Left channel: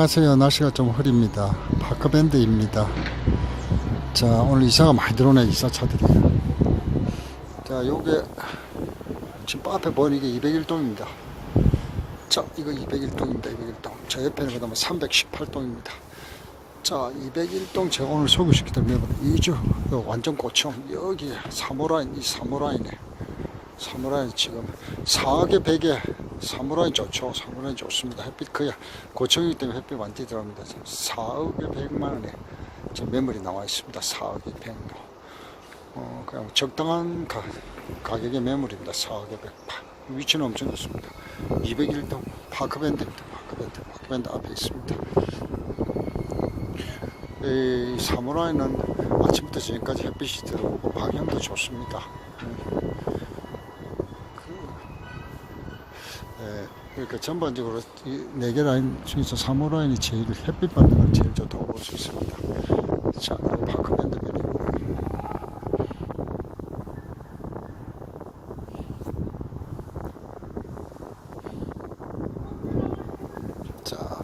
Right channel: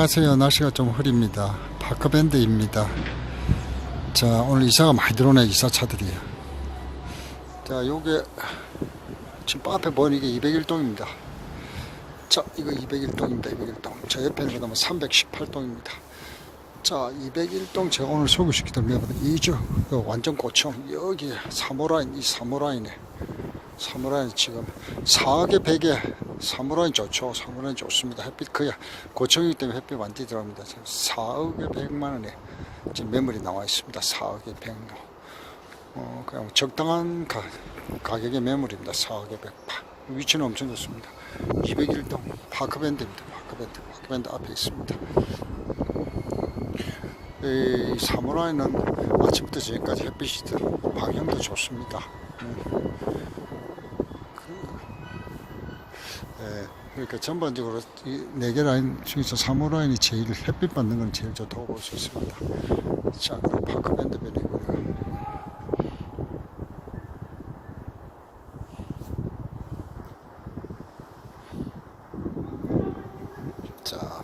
안녕하세요. 날씨가 좀 흐립니다. 파크밴드입니다. 자, 오늘 이사가 많이 들어오네, 이사차들이. 자, 요게, 지금 앞에 보이는 이게 201동입니다. 자, 이거 201동입니다, 201동. 저 옆에는 그다음 318동입니다. 자, 201동 제가 오늘 소개시키던 매번 이죠. 완전 고층. 여기 사모라인, 이 사모라인에. 사무라인 지금 4억에 100에 사무라인 좋죠. 사무라인 좋습니다. 햇빛 거의 고층이기 때문에 햇빛 완전히 들어갑니다. 지금 4억에 100만 원에 지금 매물이 나와 있습니다. 4억에 100. 어, 그냥 적당한 가, 가격의 매물입니다. 4억에 100. 파- 위치는 엄청 좋습니다. 201동 파크밴드입니다. 파크밴드. 파크밴드 앞에 있습니다. 이 사무라이는 아침부터 저녁까지 햇빛이 들어오고 방향도 좋습니다. 음. 예, 그러니까 전반적으로 이네개 라인 중에서 3호 라인이 제일 햇빛 받는 걸 제일 좋다고 볼 수 있습니다. 자, 파크밴드 변이고요. 자,